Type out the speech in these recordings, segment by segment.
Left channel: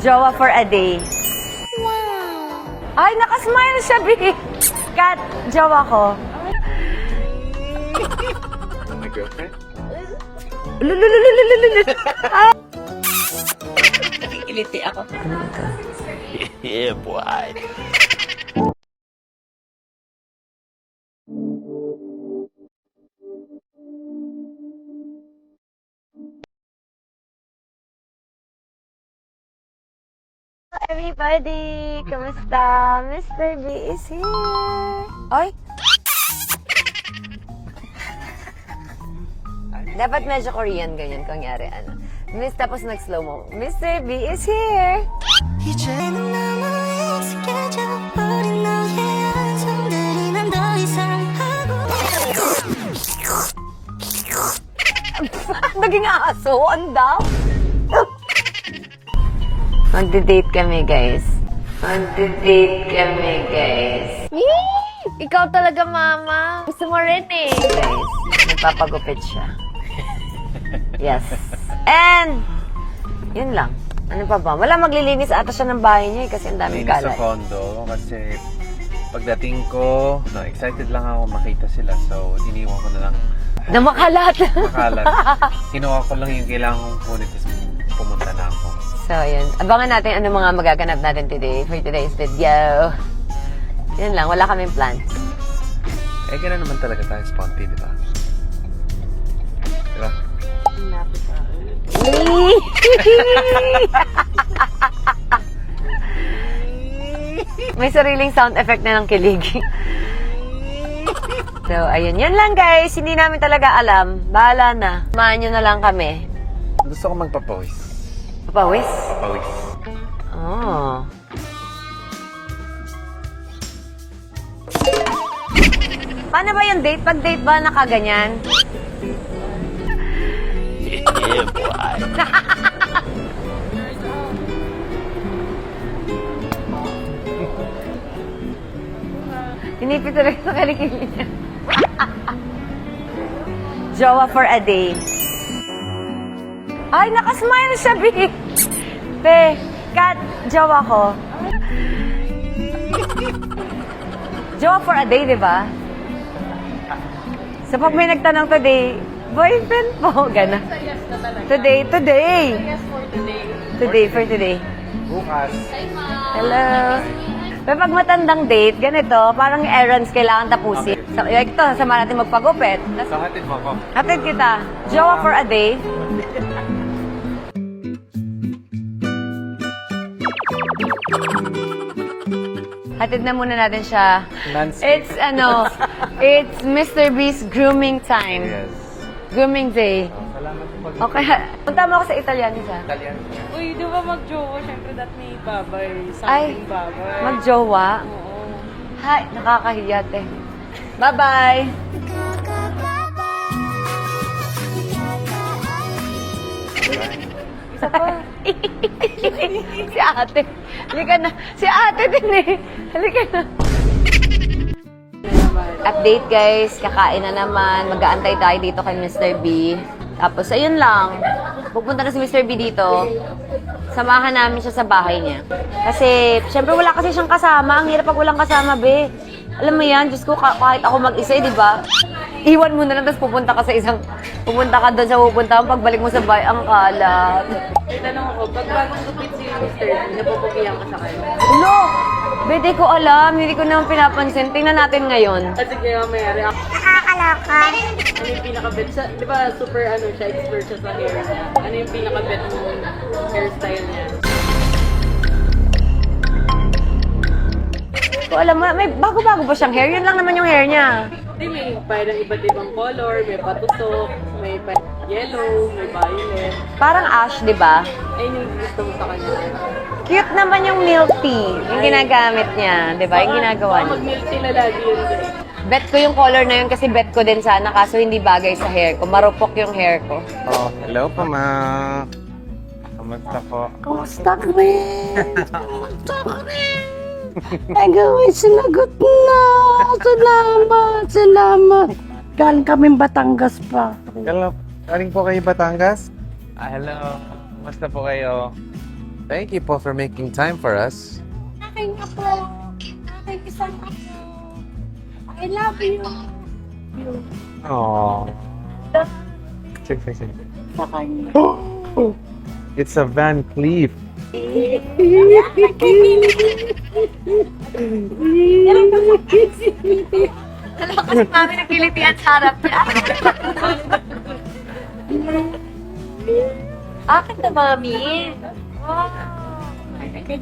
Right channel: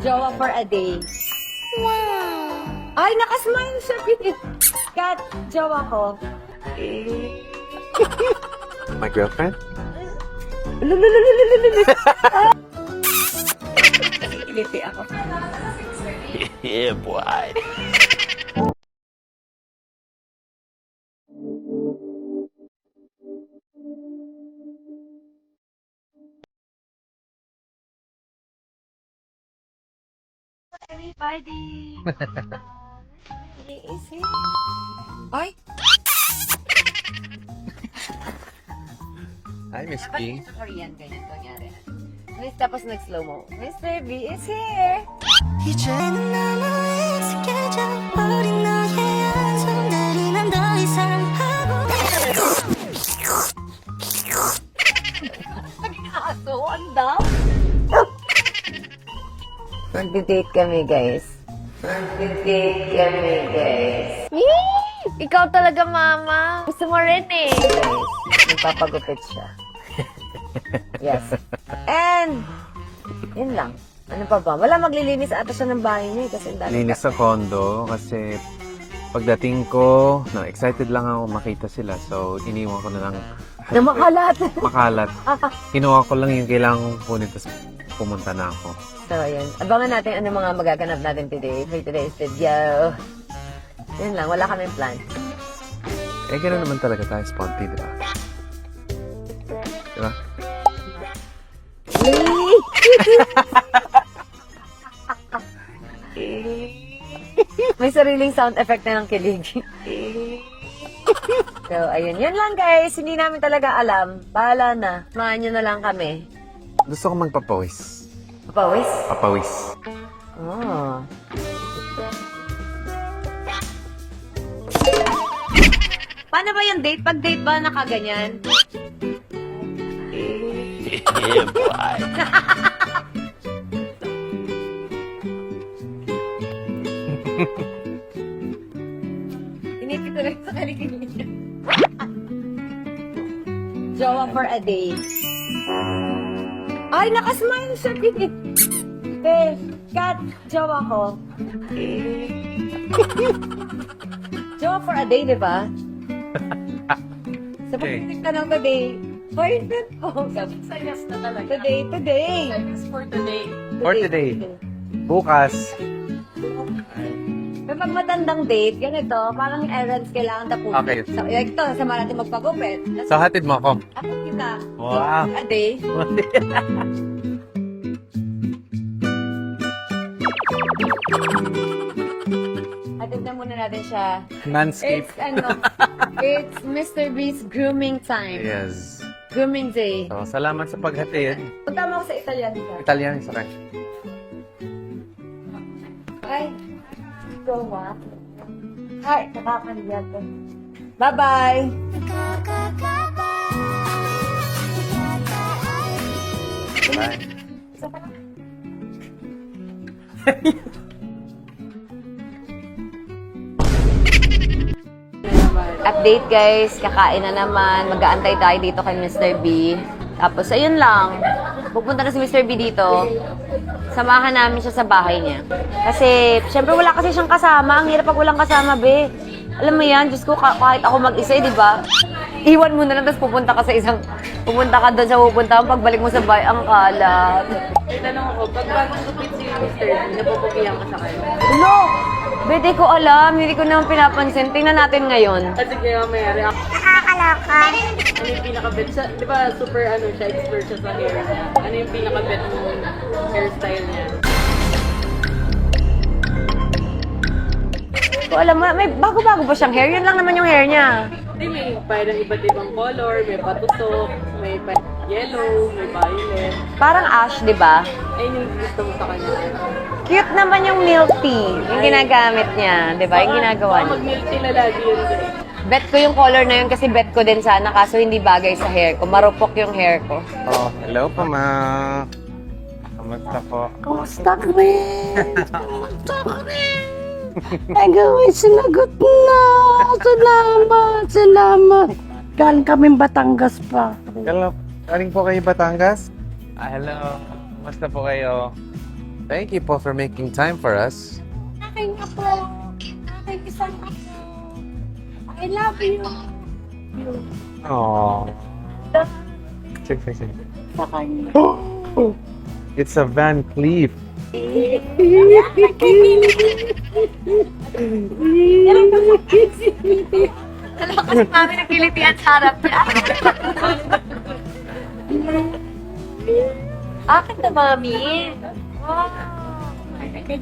Jowa for a day. Ay, nakasmile siya, B. Kat, jowa ko. My girlfriend? Iliti ako. Yeah, boy. Everybody, kamusta? Mr. B is here. Ay, dapat medyo Korean ganyan, kunyari ano. Tapos nag-slow mo. Mr. B is here. 이제는 너무 익숙해져 버린 너의 손들이 난 더 이상 하고 Naging aso, anda. Magde-date kami, guys. Magde-date kami, guys. Yee! Ikaw talaga, mama. Gusto mo rin eh. Guys, nagpapagupit siya. Yes. And, yun lang. Ano pa ba? Wala, maglilinis ata siya ng bahay niya eh, kasi ang dami Linis sa kalat. condo kasi pagdating ko, excited lang ako makita sila. So, iniwan ko na lang Na makalat. makalat. Kinuha ko lang yung kailangan kong kunin, tapos pumunta na ako. So, ayun. Abangan natin ano mga magaganap natin today for today's video. Yan lang, wala kaming plan. Eh, gano'n naman talaga tayo, sponty, di ba? Diba? May sariling sound effect na ng kilig. So, ayun. Yan lang, guys. Hindi namin talaga alam. Bahala na. Samahan nyo na lang kami. Gusto ko magpapawis. Papawis? Papawis. Oh. Paano ba yung date? Pag date ba nakaganyan? Yeah, boy. Hinipit talaga sa kalikili niya. Jowa for a day. Ay, nakasmile siya, B. Te, Kat, jowa ko. Jowa for a day, di ba? So, pag may nagtanong today, boyfriend mo, gana. Today. Today, for today. Bukas. Hello. Pero pag matandang date, ganito, parang errands kailangan tapusin. Okay. So, like ito, sama natin magpagupit. So, hatid mo ako. Hatid kita. Jowa for a day. Hatid na muna natin siya. Landscape. It's Mr. B's grooming time. Yes. Grooming day. So, salamat sa paghatid. Okay, punta mo ako sa Italian siya. Italian, sarap. Uy, di ba mag-jowa? Siyempre, that may babay. Ay, Something babay. magjowa. Oo. Hi, nakakahiya, te. Bye-bye! Si ate. Halika na. Si ate din eh. Halika na. Update guys, kakain na naman. Mag-aantay tayo dito kay Mr. B. Tapos ayun lang. Pupunta na si Mr. B dito. Samahan namin siya sa bahay niya. Kasi, syempre wala kasi siyang kasama. Ang hirap pag walang kasama, be. Alam mo yan, Diyos ko, kahit ako mag-isa, di ba? Iwan mo na lang, tapos pupunta ka doon sa pupunta mo, pagbalik mo sa bahay, ang kalat. May tanong ako, pag bagong gupit si Mr. D, napupugihan ka sa kanya. Ulo! Bede ko alam, hindi ko naman pinapansin. Tingnan natin ngayon. Kasi kaya may react. nakakaloka Ano yung pinaka-bet siya? Di ba super siya, expert siya sa hair niya? Ano yung pinaka-bet mo hairstyle niya? Ko alam mo, may bago-bago pa siyang hair. Yun lang naman yung hair niya. Hindi, may parang iba't ibang color, may patusok, may yellow, may violet. Parang ash, di ba? Ayun yung gusto mo sa kanya. Cute naman yung milk tea. Yung ginagamit niya, di ba? Yung ginagawa niya. Mag-milk tea na lagi yun. Bet ko yung color na yun kasi bet ko din sana kaso hindi bagay sa hair ko. Marupok yung hair ko. Oh, hello po, ma. Kamusta po? Kumusta ka rin? Kumusta ka rin? Ay, gawin, sinagot na. Salamat. Galing kaming Batangas pa. Galing po kayo Batangas? Ah, hello. Kamusta po kayo? Thank you po for making time for us. Aking apo. Aking isang apo. I love you. Aww. Sige. Sa kanya. It's a Van Cleef. Alam ko si Mami nagkiliti at harap niya. Akin na, Mami. Wow. Okay.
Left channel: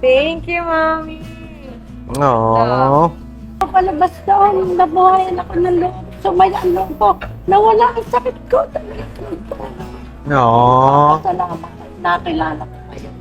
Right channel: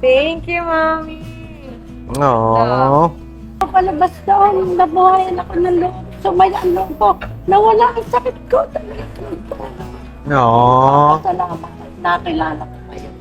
Thank you, Mami. Aww. Palabas doon, nabuhayan ako ng loob. Sumaya ang loob ko. Nawala ang sakit ko. Aww. Salamat. Nakilala ko kayo.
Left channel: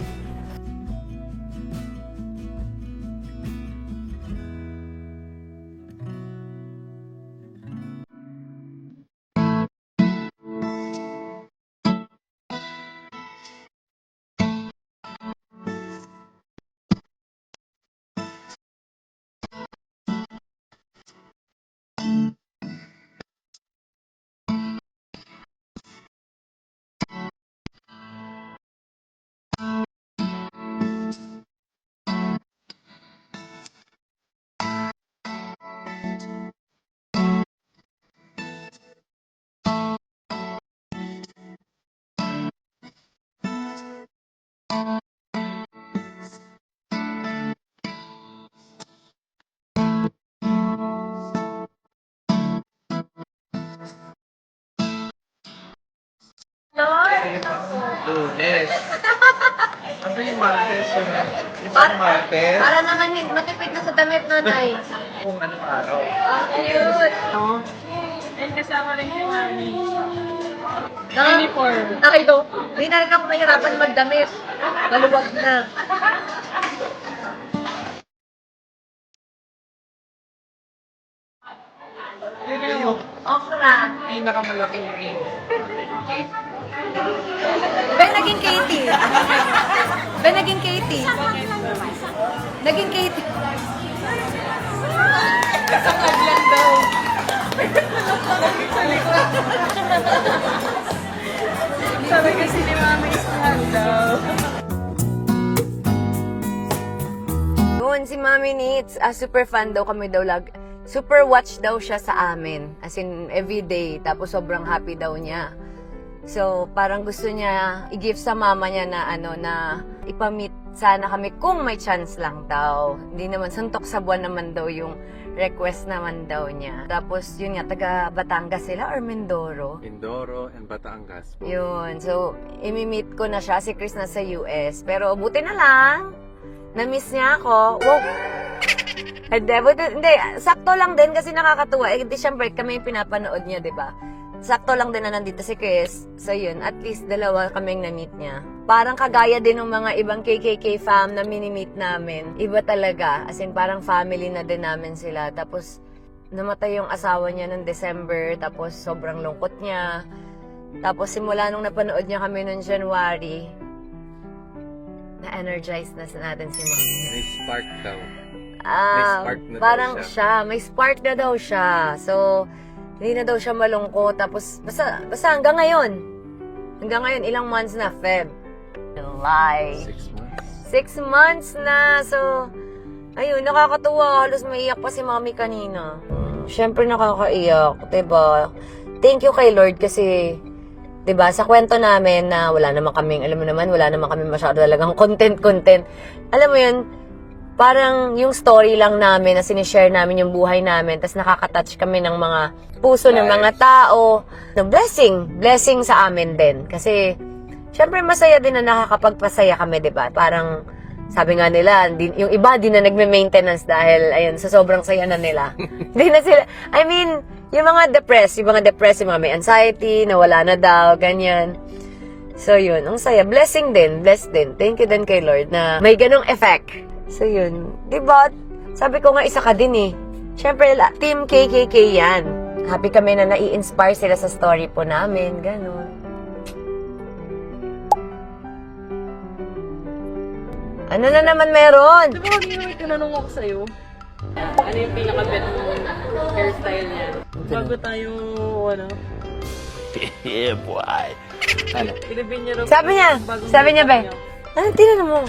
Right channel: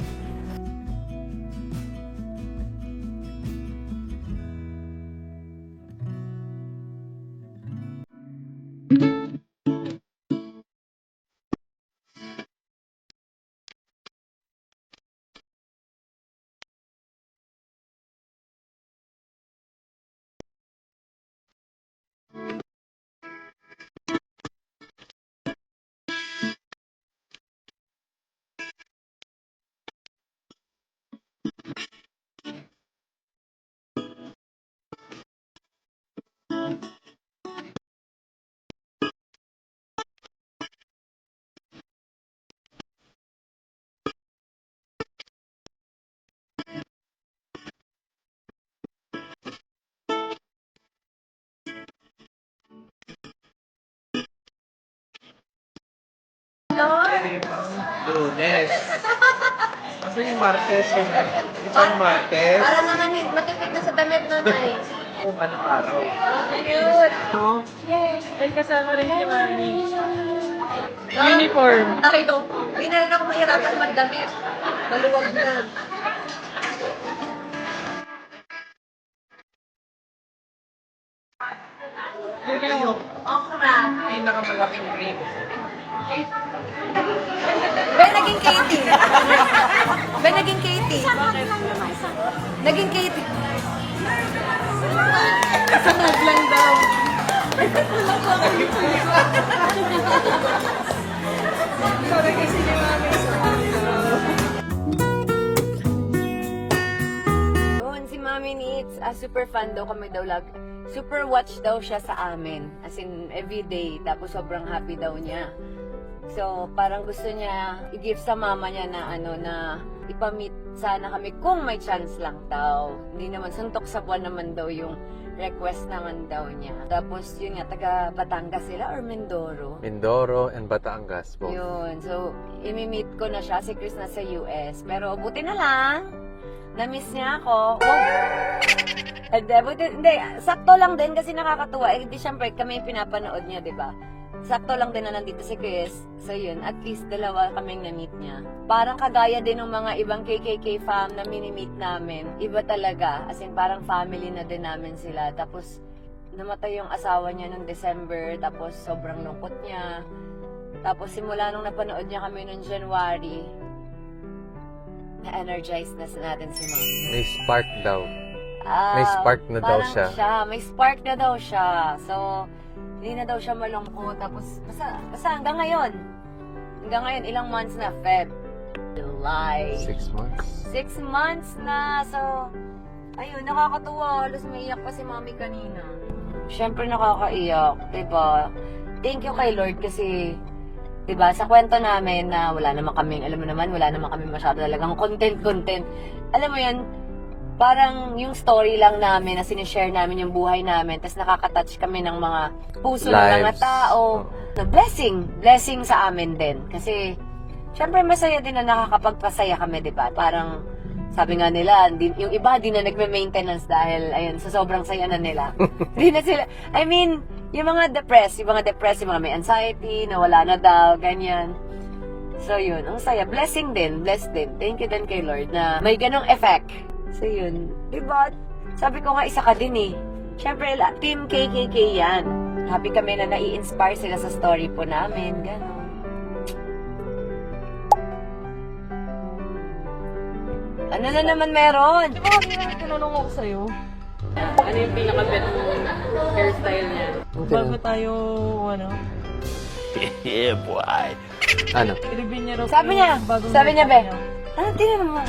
Lunes. Ano yung Martes? Isang Martes? Para naman matipid na sa damit nun ay. Kung anong araw? Cute. And kasama rin si Mami. Uniform. Nakito. Hindi na rin ako mahirapan magdamit. Maluwag na. Yun yung Okra. pinakamalaking ring. Ben, naging Katie. Ben, naging Katie. Naging Katie. Sangad lang daw. Sabi kasi ni Mami, sangad daw. Yun, si Mami Needs, super fan daw kami daw super watch daw siya sa amin. As in, everyday. Tapos sobrang happy daw niya. So, parang gusto niya i-give sa mama niya na na ipamit sana kami kung may chance lang daw. Hindi naman, suntok sa buwan naman daw yung request naman daw niya. Tapos, yun nga, taga Batangas sila or Mindoro. Mindoro and Batangas po. Yun. So, imi-meet ko na siya. Si Chris nasa US. Pero, buti na lang. Na-miss niya ako. Wow! Hindi, sakto lang din kasi nakakatuwa. Eh, di syempre, kami yung pinapanood niya, di ba? Sakto lang din na nandito si Chris. So yun, at least dalawa kaming na-meet niya. Parang kagaya din ng mga ibang KKK fam na mini-meet namin. Iba talaga. As in, parang family na din namin sila. Tapos, namatay yung asawa niya noong December. Tapos, sobrang lungkot niya. Tapos, simula nung napanood niya kami noong January, na-energize na natin si Mami. May spark daw. May spark na daw parang siya. May spark na daw siya. So, hindi na daw siya malungkot. Tapos, basta hanggang ngayon. Hanggang ngayon, ilang months na? Feb. July. 6 months. 6 months na. So, ayun, nakakatuwa. Halos maiyak pa si Mami kanina. Siyempre nakakaiyak. Diba? Thank you kay Lord kasi, diba, sa kwento namin na wala naman kaming, alam mo naman, wala naman kami masyado talagang content. Alam mo yun, parang yung story lang namin na sinishare namin yung buhay namin, tapos nakakatouch kami ng mga puso ng mga tao. The blessing sa amin din. Kasi, syempre masaya din na nakakapagpasaya kami, diba? Parang, sabi nga nila, yung iba din na nagme-maintenance dahil, ayun, sa sobrang saya na nila. Hindi na sila, I mean, yung mga depressed, yung mga may anxiety, nawala na daw, ganyan. So, yun, ang saya. Blessing din, blessed din. Thank you din kay Lord na may ganong effect. So, yun. Diba? Sabi ko nga, isa ka din eh. Siyempre, team KKK yan. Happy kami na nai-inspire sila sa story po namin. Ganon. Ano na naman meron? Di ba kanina may tinanong ako sa'yo? Ano yung pinaka-bet mong hairstyle niya? Bago tayo, ano? Ano? Nilibin niya raw. Sabi niya, be. Ano, tinan mo.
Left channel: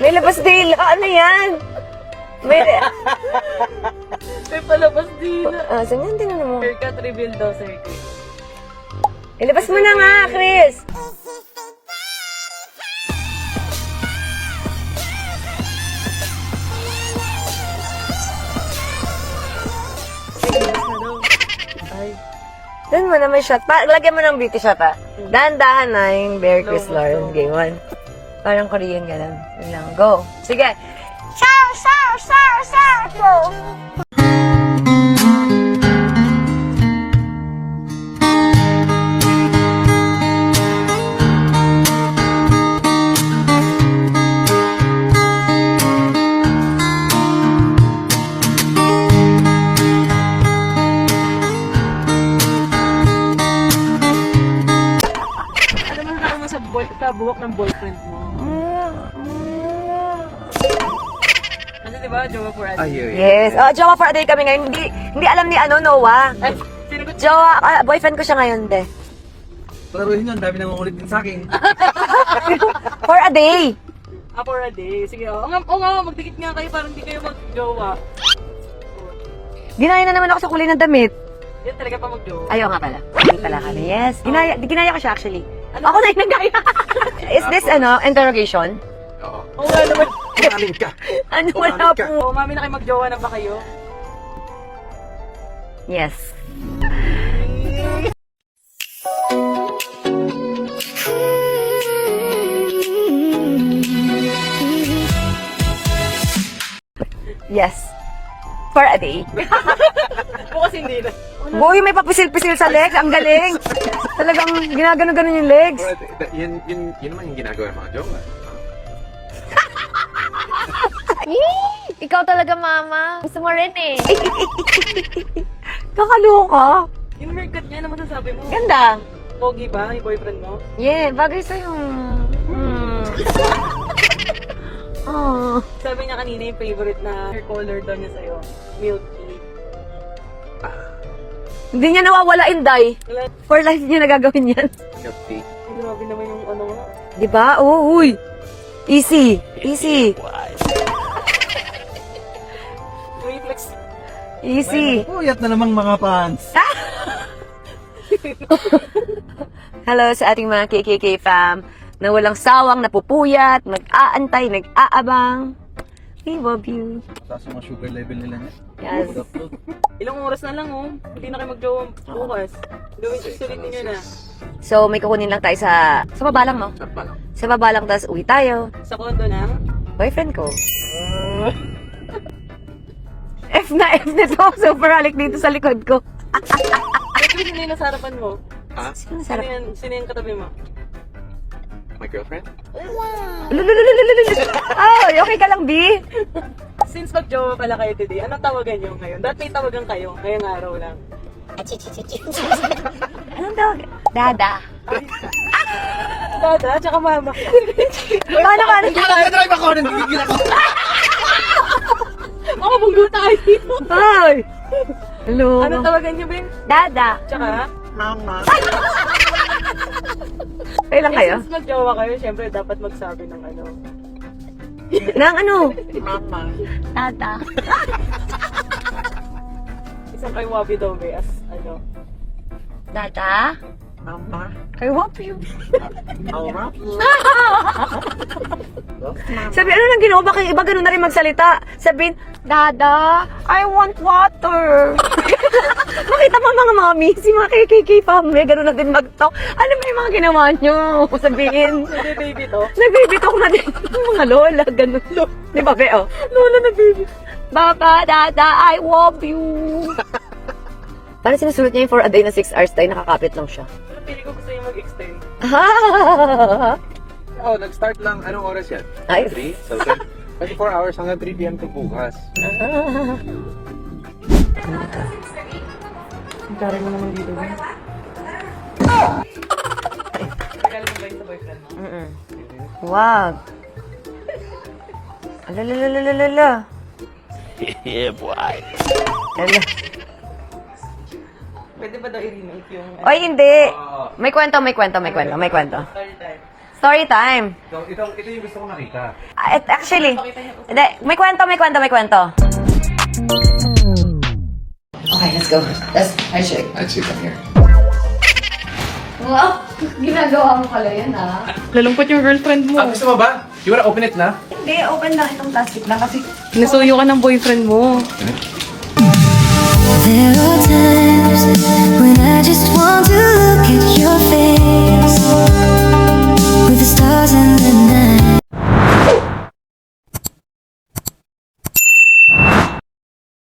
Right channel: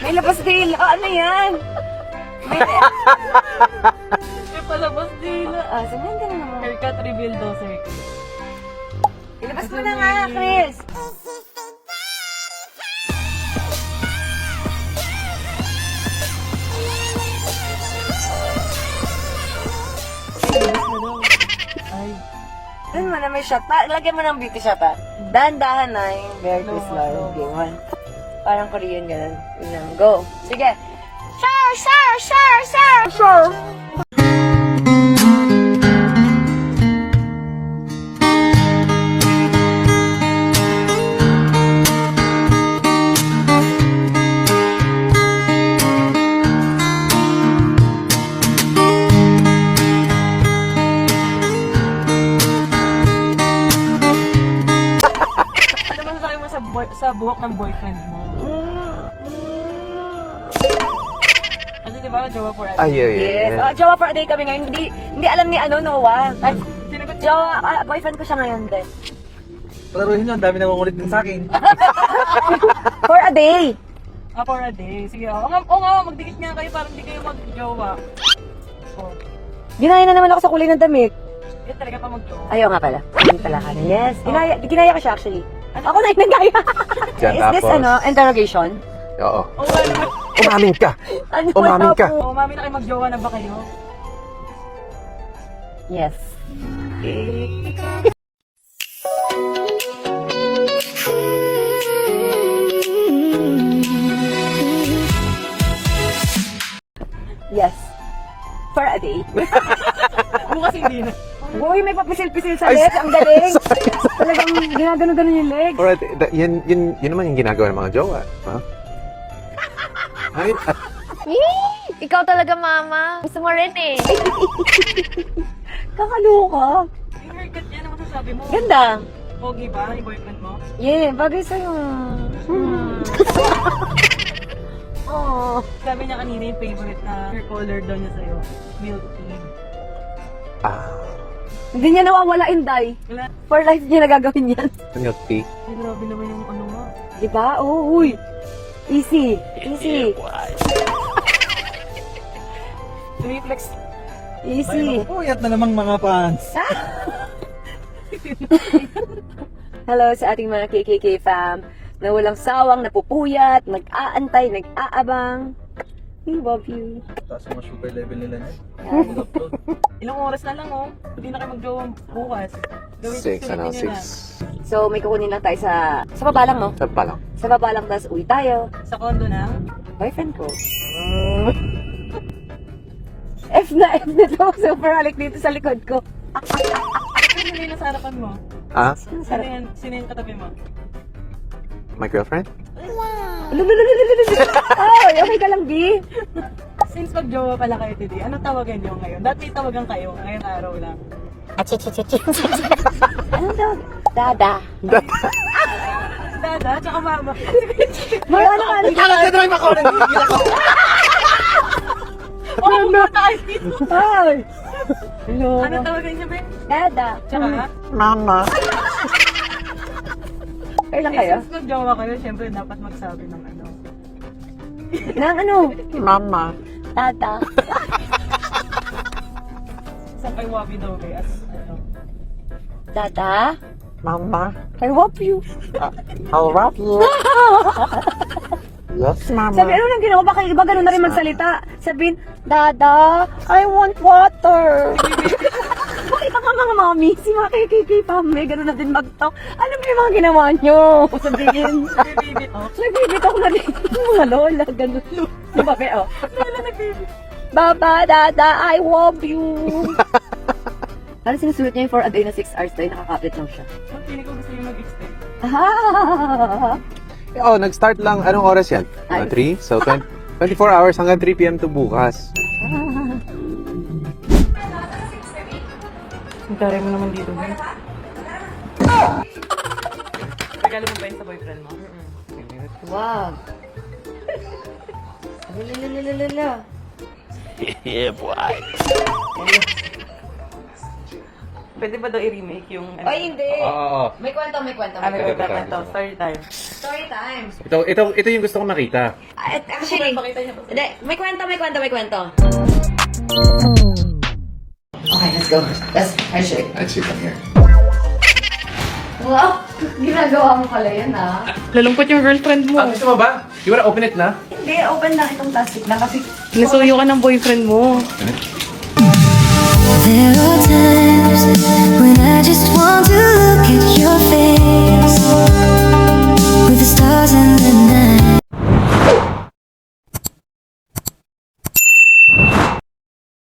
May labas dila. Ano yan? May... May palabas dito. Sabi niya, tinan mo. Haircut reveal daw sa'yo. Ilabas mo na nga, Chris. Doon mo na may shot. Lagyan mo ng beauty shot, ha? Dahan-dahan na yung Bear Chris Lauren. Game 1. Parang Korean ganun. Yun lang. Go. Sige. Sir! Sir! Sir! Sir! Go! Ano mo sabi mo sa buhok ng boyfriend mo? Ano di ba? Jowa for ano? Ah, yeah. Yes. Jowa for a day kami ngayon. Hindi alam ni Noah. Ay, sinagot Jowa, boyfriend ko siya ngayon, te. Paruhin yun, dami namang ulit din sa akin. For a day. for a day. Sige, oo nga, magdikit nga kayo para hindi kayo mag-jowa. Oh, Ginaya na naman ako sa kulay ng damit. yan talaga pa mag-jowa. Ayaw nga pala. Ayaw pala kami. Yes. Ginaya ko siya actually. Ako na yung nagaya. Is this interrogation? Oo. Oo, wala naman. Umamin ka! Ano Umamin wala ka. po? Umami na kayo mag-jowa na ba kayo? Yes. Yes. For a day. Bukas hindi na. Boy, may papisil-pisil sa leg. Ang galing. Talagang ginagano-ganon yung legs. Alright, yun naman yung ginagawa ng mga jowa. Ha? Right? Ikaw talaga, mama. Gusto mo rin eh. Kakaloka. Yung haircut niya, ano masasabi mo? Ganda. Pogi ba, yung boyfriend mo? Yeah, bagay sa'yo. Oh. Sabi niya kanina yung favorite na hair color daw niya sa'yo. Milk tea. Hindi niya nawawala yung dye. Wala. For life niya nagagawin yan. Milk tea. Grabe naman yung ano nga. Diba? Oh, uy. Easy. Easy. Reflex. Easy. Puyat na namang mga fans. Hello sa ating mga KKK fam na walang sawang napupuyat, nag-aantay, nag-aabang. We love you. Taas yung sugar level nila niya. Yes. Ilang oras na lang oh. Hindi na kayo mag-jowa bukas. Gawin 6, ano, sulitin nyo na. 6. So, may kukunin lang tayo sa baba lang, no? Saan pa lang? Sa baba lang, tapos uwi tayo. Sa kondo na. Boyfriend ko. F na to. Super halik dito sa likod ko. Sino yung nasa harapan mo? Ah? Sino Sino sarap? yung katabi mo? My girlfriend? Ay, okay ka lang, B? Since mag-jowa pala kayo today, anong tawagan niyo ngayon? Dati may tawagan kayo, ngayong araw lang. Anong tawag? Dada. Dada, tsaka mama. Wala na ka. Drive ako! Nanggigil ako! Oo, pumunta kayo dito. Ay! Hello. Anong tawagan niyo, Ben? Dada. Tsaka? Mama! Kailan kayo? Since mag-jowa kayo, syempre dapat magsabi ng ano. Nang ano? Mama! Dada. Isang kay Wabi daw, eh, as ano. Dada? Mama! I love you. I'll wrap you! Yes, Mama! Sabi, ano nang ginawa? Bakit iba ganun na rin magsalita? Sabihin, Dada, I want water. Makita mo mga mami, si mga KKK family, ganun na din mag-talk. Ano ba yung mga ginawa nyo? Sabihin, Sabi, baby to. nagbibitok na din. Mga lola, ganun. Di ba, Be? Oh. Lola nag-baby. Baba, Dada, I love you. Parang sinusunod niya yung for a day na 6 hours tayo, nakakapit lang siya. Pili ko gusto yung mag-extend. Oh, nag-start lang. Anong oras yan? Ay. 3? So, 24 hours hanggang 3 p.m. to bukas. Tara mo naman dito, Ben. Regalo mo ba yun sa boyfriend mo? Wag. Alalalalala. Pwede ba daw i-remake yung... Oy, hindi. Oo. May kwento. Story time. Story time. Ito yung gusto kong makita. Actually, hindi, may kwento. Okay, let's go. Let's shake. Let's see from here. Wow, ginagawa mo pala yun, ah. Lalungkot yung girlfriend mo. Gusto mo ba? You wanna open it na? Hindi, open lang itong plastic lang kasi... Nasuyo ka ng boyfriend mo. There are times when I just want